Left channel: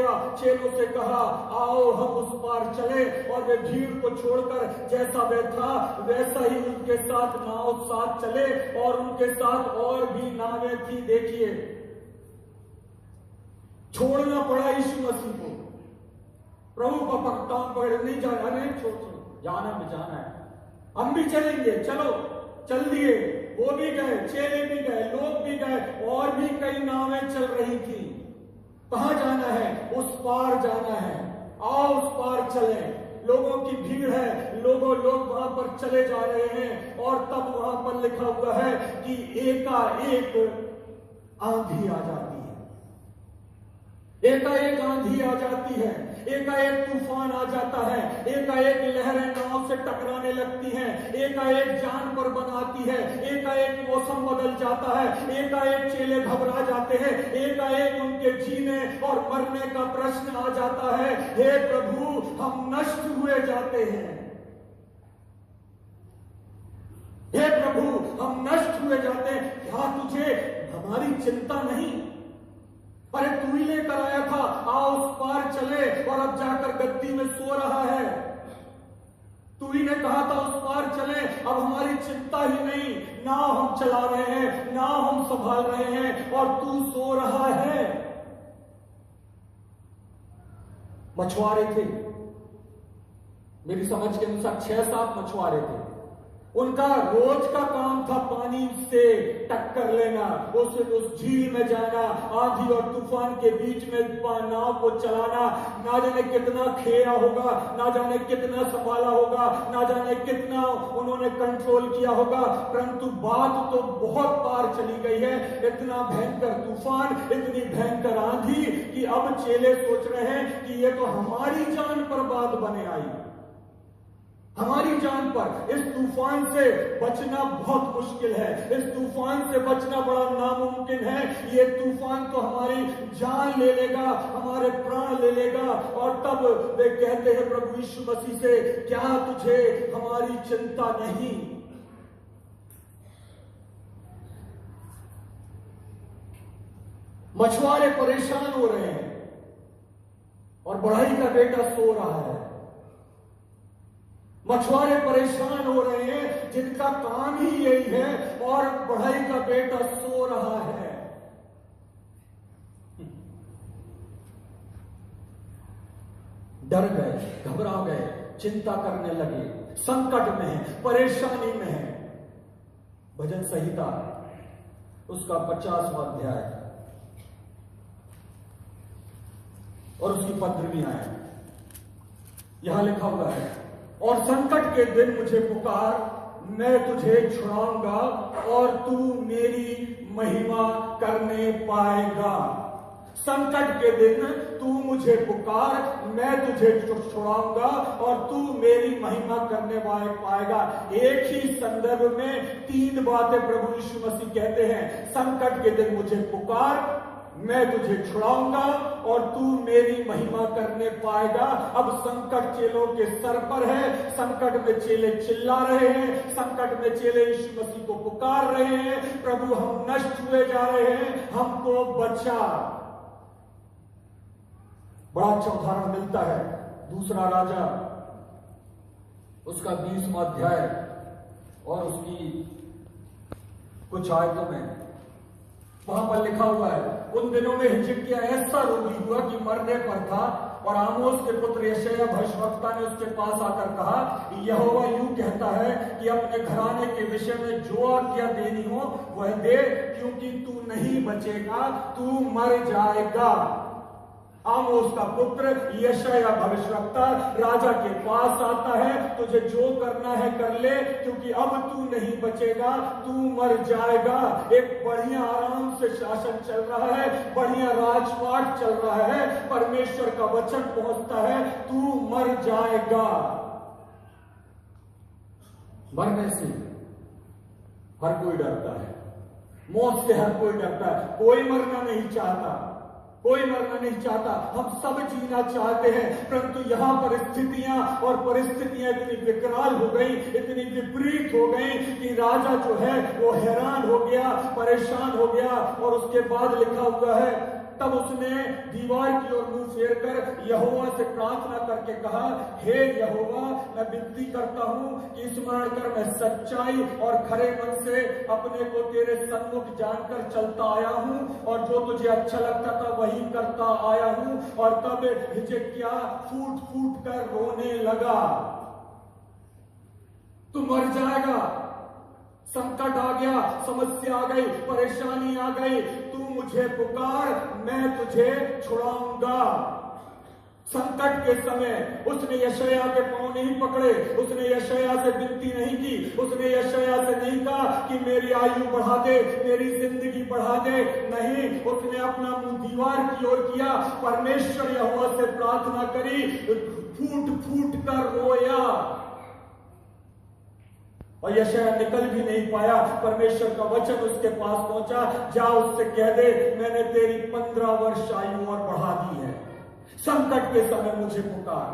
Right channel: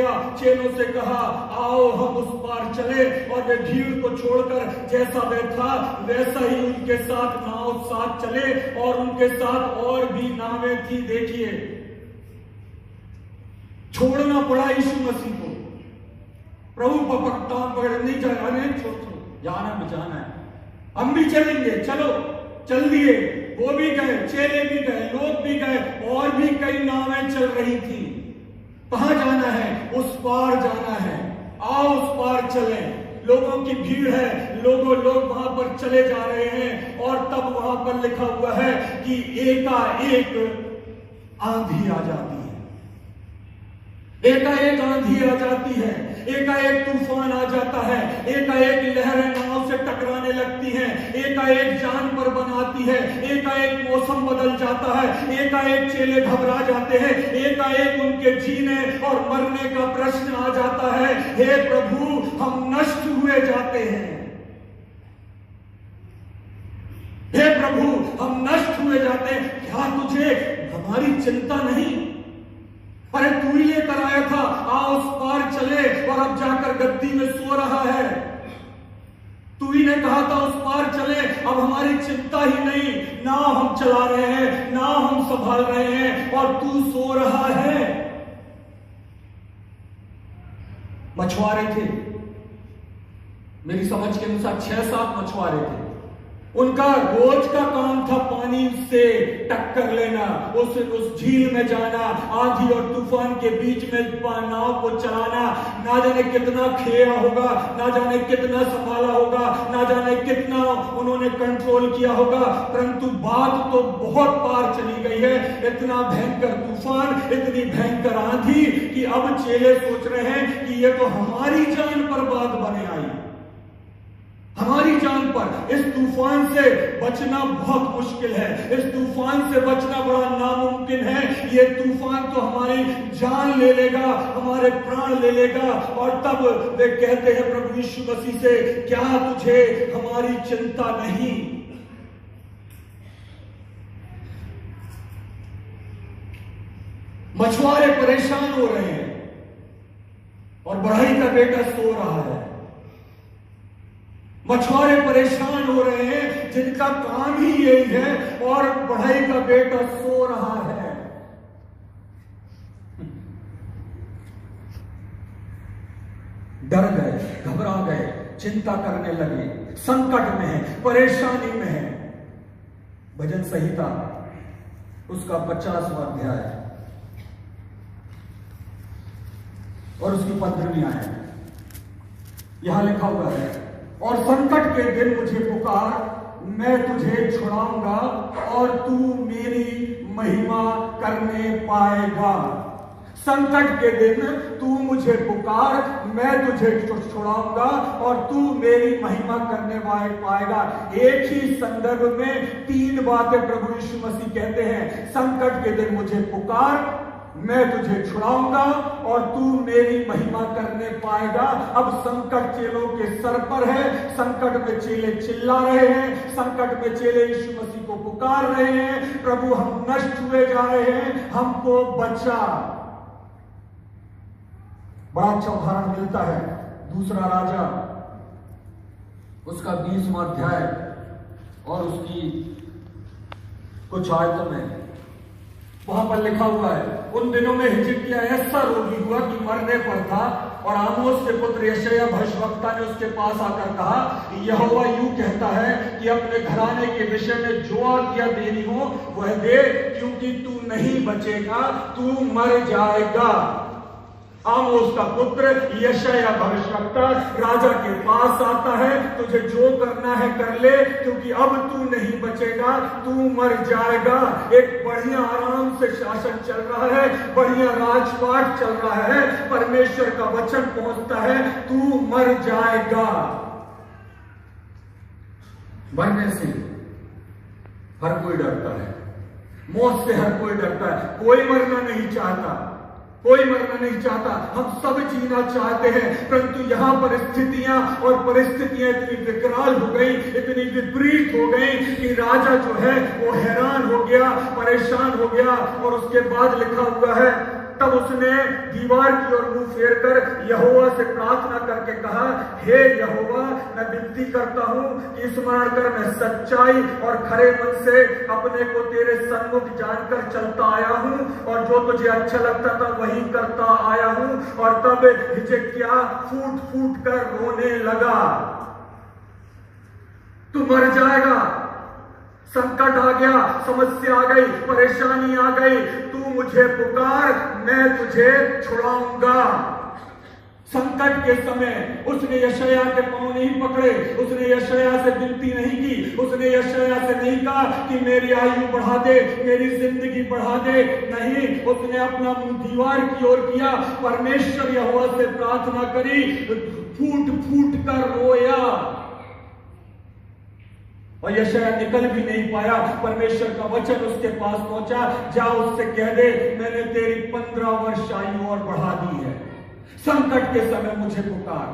गया। चेलों से कहा आओ हम उस पार चले, और वे भीड़ को छोड़कर जैसा वे था वैसा ही उनके साथ नाव साथ चले, और उनके साथ और भी नावें थी। देखिए, छोड़ना पड़ा यीशु मसीह को। प्रभु पकड़तान पकड़ नहीं जाना, नहीं छोड़, जाना बचाना है, हम भी चलेंगे, चलो चल दिए। वो भी गए, चेले भी गए, लोग भी गए, और भी कई नावें चल रही थी। कहां जाना है? उस पार जाना है, आओ उस पार चलें। लोगों की भीड़ है, लोग वहां पर चले जा रहे हैं, और तब वहां पर लिखा हुआ है कि एकाएक आंधी आ जाती है, एकाएक आंधी आ जाती है, एकाएक तूफान आ जाता है, एकाएक लहरें नाव से टकराने लगती हैं, एकाएक जान पर बनाती है, एकाएक मौसम बदल जाता है, एकाएक चेले घबरा जाते हैं, एकाएक उनके जीने और मरने का प्रश्न आ जाता है। हे प्रभु, हम नष्ट हुए जाते हैं, हे प्रभु हम नष्ट हुए जाते हैं। क्या तुझे हमारी चिंता नहीं? अरे तू ही लेकर आया था, आओ उस पार चले, और अब जाकर गद्दी में सो रहा है। तू ही ने कहा था उस पार चले, अब हमारी चिंता ही नहीं, नाव हम चला रहे हैं, नाव हम संभाल रहे हैं, और तू सो रहा है। मछुआरे थे, मेरी समझ के अनुसार 6-7 मछुआरे थे। उनका रोज का काम था पानी से टक्कर लेना, उस झील में जाना, आंधी और तूफान के बीच में नाव को चलाना। ना जाने कितना खेया होगा, ना जाने कितना संभाला होगा, ना जाने कितना उन्होंने कंट्रोल किया होगा, परंतु बात तो बहुत पार चली गई है। इतना भयंकर तूफान, इतनी भयंकर आंधी कि अब चेले सोच रहे हैं कि ये तो हमारी जान पर बात बने आई, हमारी जान पर। इस तूफान से बचना बहुत मुश्किल है, इस तूफान से बचना बड़ा नामुमकिन है। ये तूफान तो हमारी जान ले लेगा, हमारे प्राण ले लेगा। और तब वे कहते हैं प्रभु यीशु मसीह से, क्या तुझे हमारी चिंता नहीं? मछुआरे परेशान हो रहे हैं, और बढ़ई का बेटा सो रहा है। मछुआरे परेशान हो रहे हैं, जिनका काम ही यही है, और बढ़ई का बेटा सो रहा है। डर गए, घबरा गए, चिंता करने लगे, संकट में है, परेशानी में है। भजन संहिता उसका 50वां अध्याय और उसकी 15वीं आयत, यहां लिखा हुआ है, और संकट के दिन मुझे पुकार, मैं तुझे छुड़ाऊंगा, और तू मेरी महिमा करने पाएगा। संकट के दिन तू मुझे पुकार, मैं तुझे छुड़ाऊंगा, और तू मेरी महिमा करने पाएगा। एक ही संदर्भ में 3 बातें प्रभु यीशु मसीह कहते हैं। संकट के दिन मुझे पुकार, मैं तुझे छुड़ाऊंगा, और तू मेरी महिमा करने पाएगा। अब संकट चेलों के सर पर है, संकट में चेले चिल्ला रहे हैं, संकट में चेले यीशु मसीह को पुकार रहे हैं, प्रभु हम नष्ट हुए जा रहे हैं, हमको बचा। बड़ा अच्छा उदाहरण मिलता है दूसरा राजा उसका 20वां अध्याय और उसकी कुछ आयतों में। वहां पर लिखा हुआ है, उन दिनों में हिजकिय्याह ऐसा रोगी हुआ कि मरने पर था, और आमोस के पुत्र यशायाह भविष्यवक्ता ने उसके पास आकर कहा, यहोवा यूं कहता है कि अपने घराने के विषय में जो आज्ञा देनी हो वह दे, क्योंकि तू नहीं बचेगा, तू मर जाएगा। आमोस का पुत्र यशायाह भविष्यवक्ता राजा के पास आता है, तुझे जो करना है कर ले, क्योंकि अब तू नहीं बचेगा, तू मर जाएगा। एक बढ़िया आराम से शासन चल रहा है, बढ़िया राजपाट चल रहा है, परमेश्वर का वचन पहुंचता है, तू मर जाएगा। मरने से हर कोई डरता है, मौत से हर कोई डरता है, कोई मरना नहीं चाहता, कोई मरना नहीं चाहता, हम सब जीना चाहते हैं, परंतु यहां पर स्थितियां और परिस्थितियां इतनी विकराल हो गई, इतनी विपरीत हो गई कि राजा जो है वो हैरान हो गया, परेशान हो गया। और उसके बाद लिखा हुआ है तब उसने दीवार की ओर मुंह फेर कर यहोवा से प्रार्थना करके कहा, हे यहोवा, मैं विनती करता हूं कि स्मरण कर मैं सच्चाई और खरे मन से अपने को तेरे सन्मुख जानकर चलता आया हूं और जो तुझे अच्छा लगता था वही करता आया हूं। और तब हिजकिय्याह फूट फूट कर रोने लगा। तू मर जाएगा, संकट आ गया, समस्या आ गई, परेशानी आ गई, तू मुझे पुकार, मैं तुझे छुड़ाऊंगा। संकट के समय उसने यशायाह के पांव नहीं पकड़े, उसने यशायाह से विनती नहीं की, उसने यशायाह से नहीं कहा कि मेरी आयु बढ़ा दे, मेरी जिंदगी बढ़ा दे। नहीं, उसने अपना मुंह दीवार की ओर किया, परमेश्वर यहोवा से प्रार्थना करी, फूट फूट कर रोया और यशायाह निकल भी नहीं पाया। परमेश्वर का वचन उसके पास पहुंचा, जा उससे कह दे मैंने तेरी 15 वर्ष आयु और बढ़ा दी है। संकट के समय मुझे पुकार,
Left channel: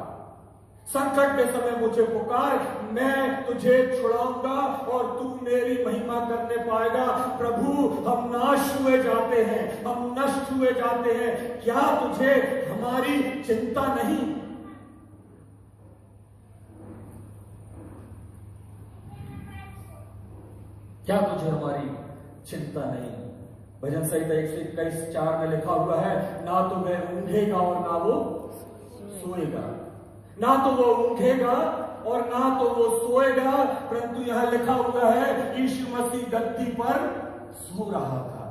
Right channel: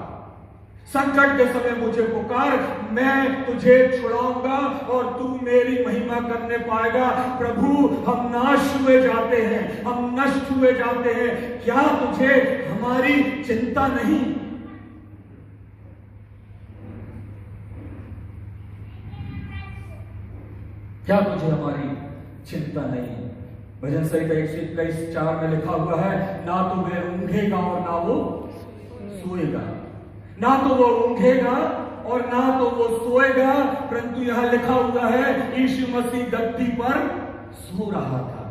संकट के समय मुझे पुकार, मैं तुझे छुड़ाऊंगा और तू मेरी महिमा करने पाएगा। प्रभु, हम नाश हुए जाते हैं, हम नष्ट हुए जाते हैं, क्या तुझे हमारी चिंता नहीं? क्या तुझे हमारी चिंता नहीं? भजन संहिता 121:4 में लिखा हुआ है, ना तो वह ऊंघेगा और ना वो सोएगा, ना तो वो ऊंघेगा और ना तो वो सोएगा, परंतु यहां लिखा हुआ है यीशु मसीह गद्दी पर सो रहा था।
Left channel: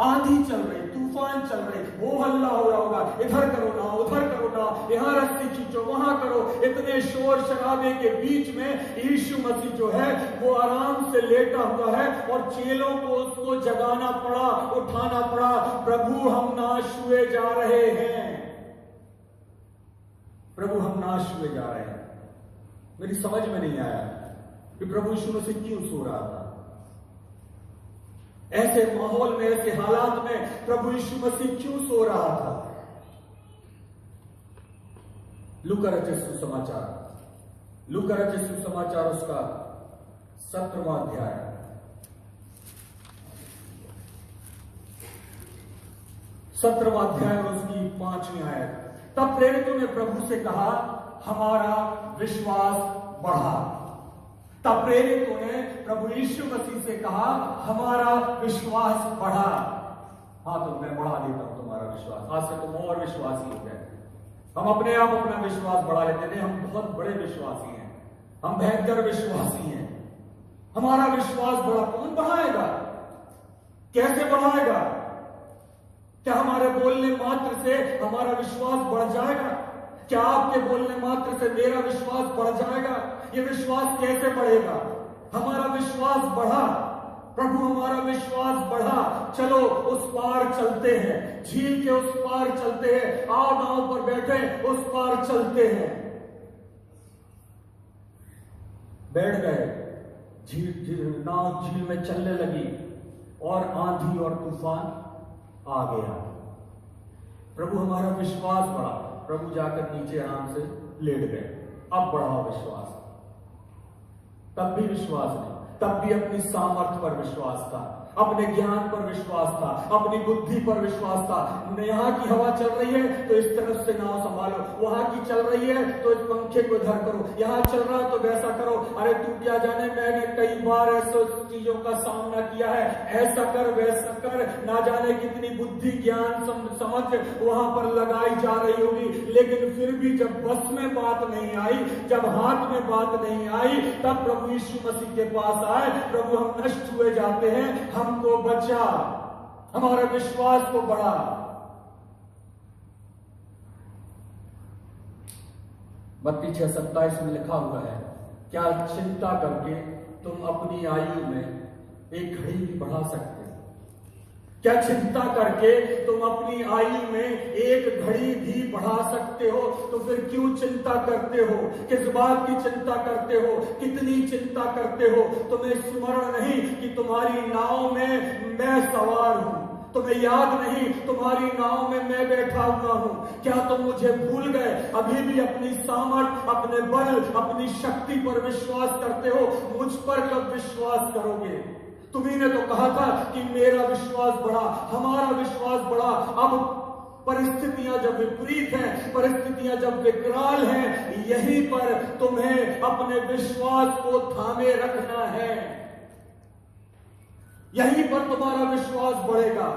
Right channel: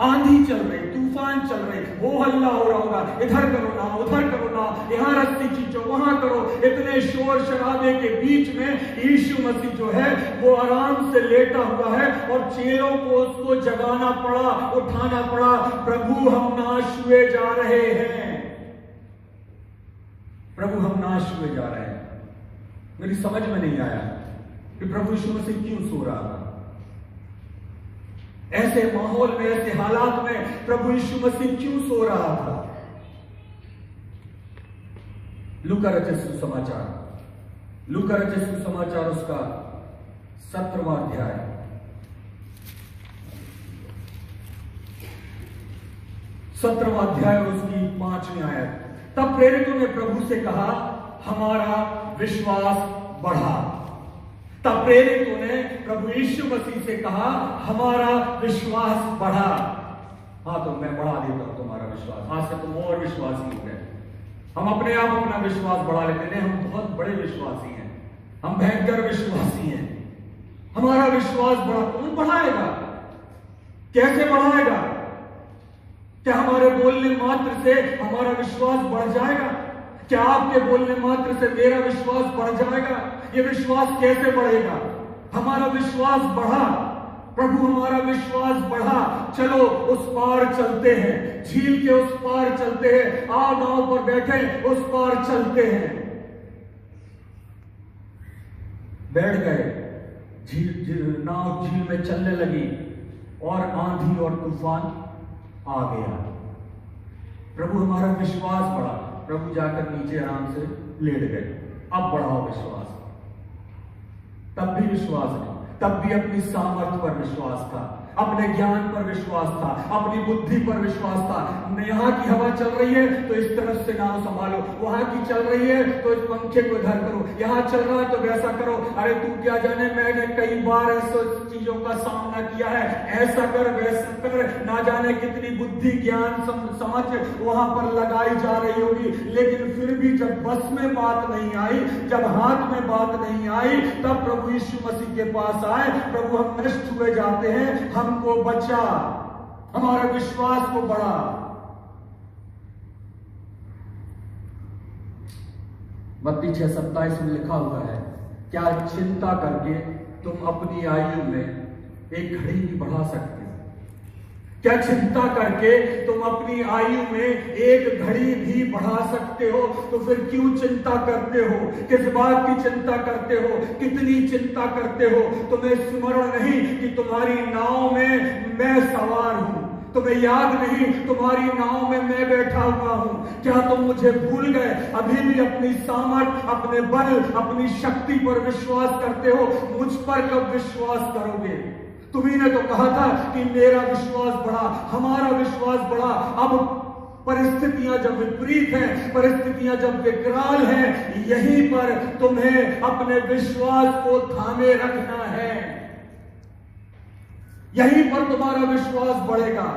आंधी चल रही, तूफान चल रही, वो हल्ला हो रहा होगा, इधर करो ना, उधर करो ना, यहां रस्सी खींचो, वहां करो। इतने शोर शराबे के बीच में यीशु मसीह जो है वो आराम से लेटा हुआ है और चेलों को उसको जगाना पड़ा, उठाना पड़ा। प्रभु, हम नाश हुए जा रहे हैं, प्रभु हम नाश हुए जा रहे हैं। मेरी समझ में नहीं आया कि प्रभु यीशु मसीह क्यों सो रहा था। ऐसे माहौल में, ऐसे हालात में प्रभु यीशु मसीह क्यों सो रहा था? लूका रचित सुसमाचार, लूका रचित सुसमाचार उसका 17वां अध्याय, 17वां अध्याय और उसकी 5वीं आयत। तब प्रेरितों ने प्रभु से कहा, हमारा विश्वास बढ़ा। तब प्रेरितों ने प्रभु यीशु मसीह से कहा, हमारा विश्वास बढ़ा। हाँ, तो मैं बढ़ा देता हूं तुम्हारा विश्वास, आज से तुम और विश्वासी हो गए। हम अपने आप अपना विश्वास बढ़ा लेते हैं, हम बहुत बड़े विश्वासी हैं, हम भयंकर विश्वासी हैं। हमारा विश्वास बढ़ा, कौन बढ़ाएगा? कैसे बढ़ाएगा? क्या हमारे बोलने मात्र से हमारा विश्वास बढ़ जाएगा? क्या आपके बोलने मात्र से मेरा विश्वास बढ़ जाएगा? ये विश्वास कैसे बढ़ेगा? हमारा विश्वास बढ़ा, प्रभु हमारा विश्वास बढ़ा, चलो उस पार चलते हैं, झील के उस पार चलते हैं, आओ नाव पर बैठे उस पार चलते हैं। बैठ गए, नाव झील में चलने लगी और आंधी और तूफान आ गया। प्रभु हमारा विश्वास बढ़ा, प्रभु जाकर नीचे आराम से लेट गए। अब बढ़ा विश्वास, तब भी विश्वास नहीं, तब भी अपनी सामर्थ्य पर विश्वास था, अपने ज्ञान पर विश्वास था, अपनी बुद्धि पर विश्वास था। यहाँ की हवा चल रही है तो इस तरफ से नाव संभालो, वहां की चल रही है तो इस पंखे को इधर करो, यहाँ चल रहा है तो वैसा करो। अरे तू क्या जाने, मैंने कई बार ऐसे चीजों का सामना किया है, ऐसा कर वैसा कर, ना जाने कितनी बुद्धि ज्ञान समझ वहां पर लगाई जा रही होगी, लेकिन फिर भी जब बस में बात नहीं आई, जब हाथ में बात नहीं आई, तब प्रभु यीशु मसीह के पास आए। प्रभु हम नष्ट हुए जाते हैं, हमको बचा, हमारा विश्वास को बढ़ा। मत्ती 6:27 में लिखा हुआ है, क्या चिंता करके तुम अपनी आयु में एक घड़ी भी बढ़ा सकते हो? क्या चिंता करके तुम अपनी आयु में एक घड़ी भी बढ़ा सकते हो? तो फिर क्यों चिंता करते हो? किस बात की चिंता करते हो? कितनी चिंता करते हो? तुम्हें स्मरण नहीं कि तुम्हारी नाव में मैं सवार हूं? तुम्हें याद नहीं तुम्हारी नाव में मैं बैठा हुआ हूं? क्या तुम मुझे भूल गए? अभी भी अपनी सामर्थ, अपने बल, अपनी शक्ति पर विश्वास करते हो? मुझ पर कब विश्वास करोगे? तुम्ही ने तो कहा था कि मेरा विश्वास बढ़ा, हमारा विश्वास बढ़ा। अब परिस्थितियां जब विपरीत हैं, परिस्थितियां जब विकराल हैं, यहीं पर तुम्हें अपने विश्वास को थामे रखना है। यहीं पर तुम्हारा विश्वास बढ़ेगा,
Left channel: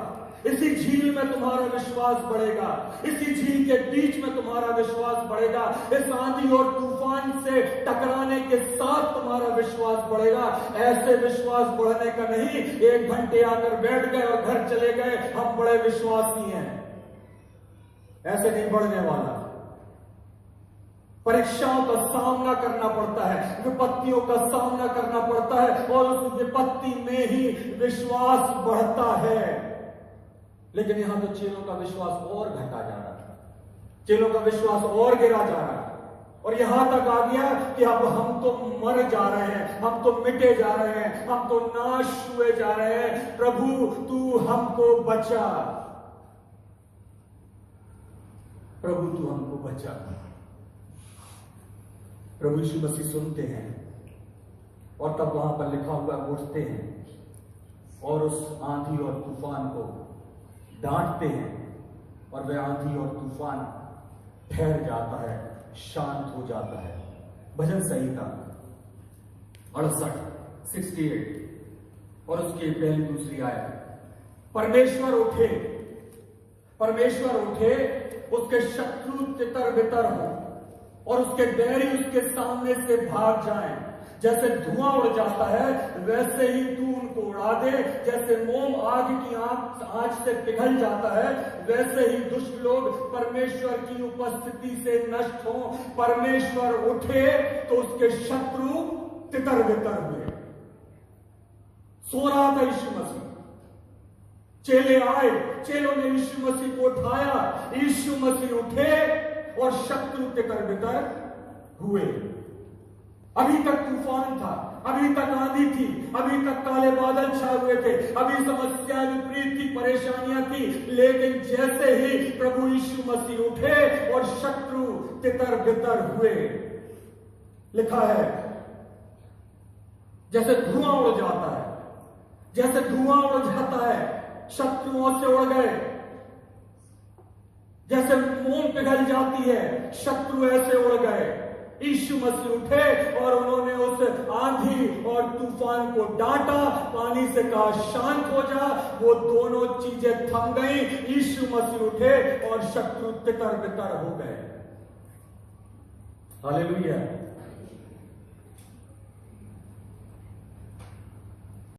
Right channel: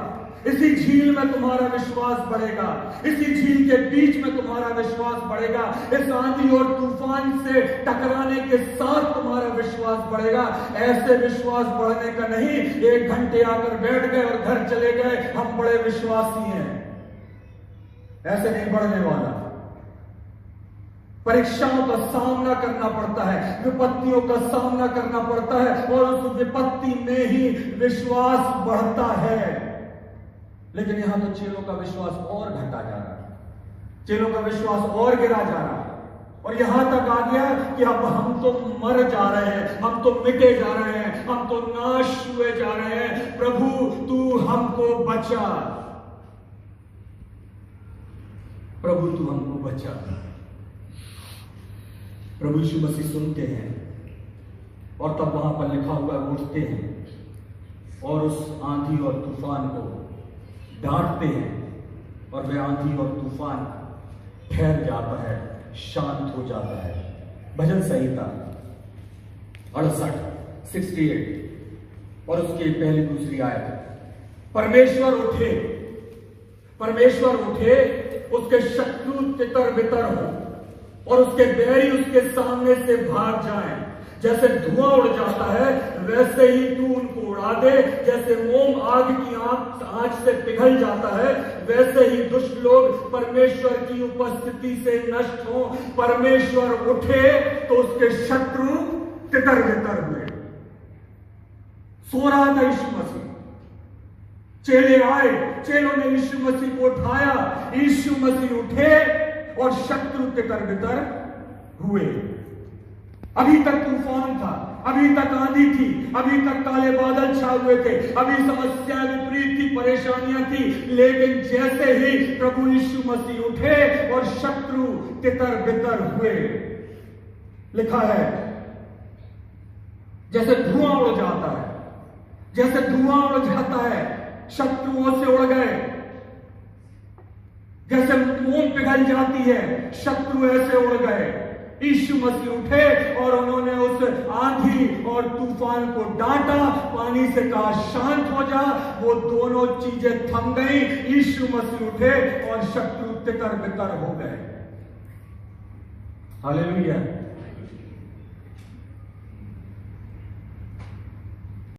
इसी झील में तुम्हारा विश्वास बढ़ेगा, इसी झील के बीच में तुम्हारा विश्वास बढ़ेगा। इस आंधी और तूफान से टकराने के साथ तुम्हारा विश्वास बढ़ेगा। ऐसे विश्वास बढ़ने का नहीं, 1 घंटे आकर बैठ गए और घर चले गए, हम बड़े विश्वासी हैं, ऐसे नहीं बढ़ने वाला। परीक्षाओं का सामना करना पड़ता है, विपत्तियों का सामना करना पड़ता है, और उस विपत्ति में ही विश्वास बढ़ता है। लेकिन यहां तो चेलों का विश्वास और घटा जा रहा है, चेलों का विश्वास और गिरा जा रहा है, और यहां तक आ गया कि अब हम तो मर जा रहे हैं, हम तो मिटे जा रहे हैं, हम तो नाश हुए जा रहे हैं। प्रभु तू हमको बचा, प्रभु तू हमको बचा। प्रभु यीशु मसीह सुनते हैं, और तब वहां पर लिखा हुआ उठते हैं और उस आंधी और तूफान को डांटते हैं, और वह आंधी और तूफान ठहर जाता है, शांत हो जाता है। भजन संहिता 68 और उसकी पहली दूसरी आयत। परमेश्वर उठे, परमेश्वर उठे, उसके शत्रु तितर बितर हो और उसके बैरी उसके सामने से भाग जाएं। जैसे धुआं उड़ जाता है वैसे ही तू उनको उड़ा दे, जैसे मोम आग की आंच से पिघल जाता है वैसे ही दुष्ट लोग परमेश्वर की उपस्थिति से नष्ट हो। परमेश्वर उठे तो उसके शत्रु तितर बितर हुए। सो रहा था यीशु मसीह, चेले आए, चेलों ने यीशु मसीह को उठाया, यीशु मसीह उठे और शत्रु तितर बितर हुए। अभी तक तूफान था, अभी तक आंधी थी, अभी तक काले बादल छाए हुए थे, अभी समस्याएं विपरीत थी, परेशानियां थी, लेकिन जैसे ही प्रभु यीशु मसीह उठे और शत्रु तितर बितर हुए, लिखा है जैसे धुआं उड़ जाता है, जैसे धुआं उड़ जाता है, शत्रुओं से उड़ गए। जैसे मोम पिघल जाती है, शत्रु ऐसे उड़ गए। यीशु मसीह उठे और उन्होंने उस आंधी और तूफान को डांटा, पानी से कहा शांत हो जा, वो दोनों चीजें थम गई। यीशु मसीह उठे और शत्रु तितर बितर हो गए। हालेलुया।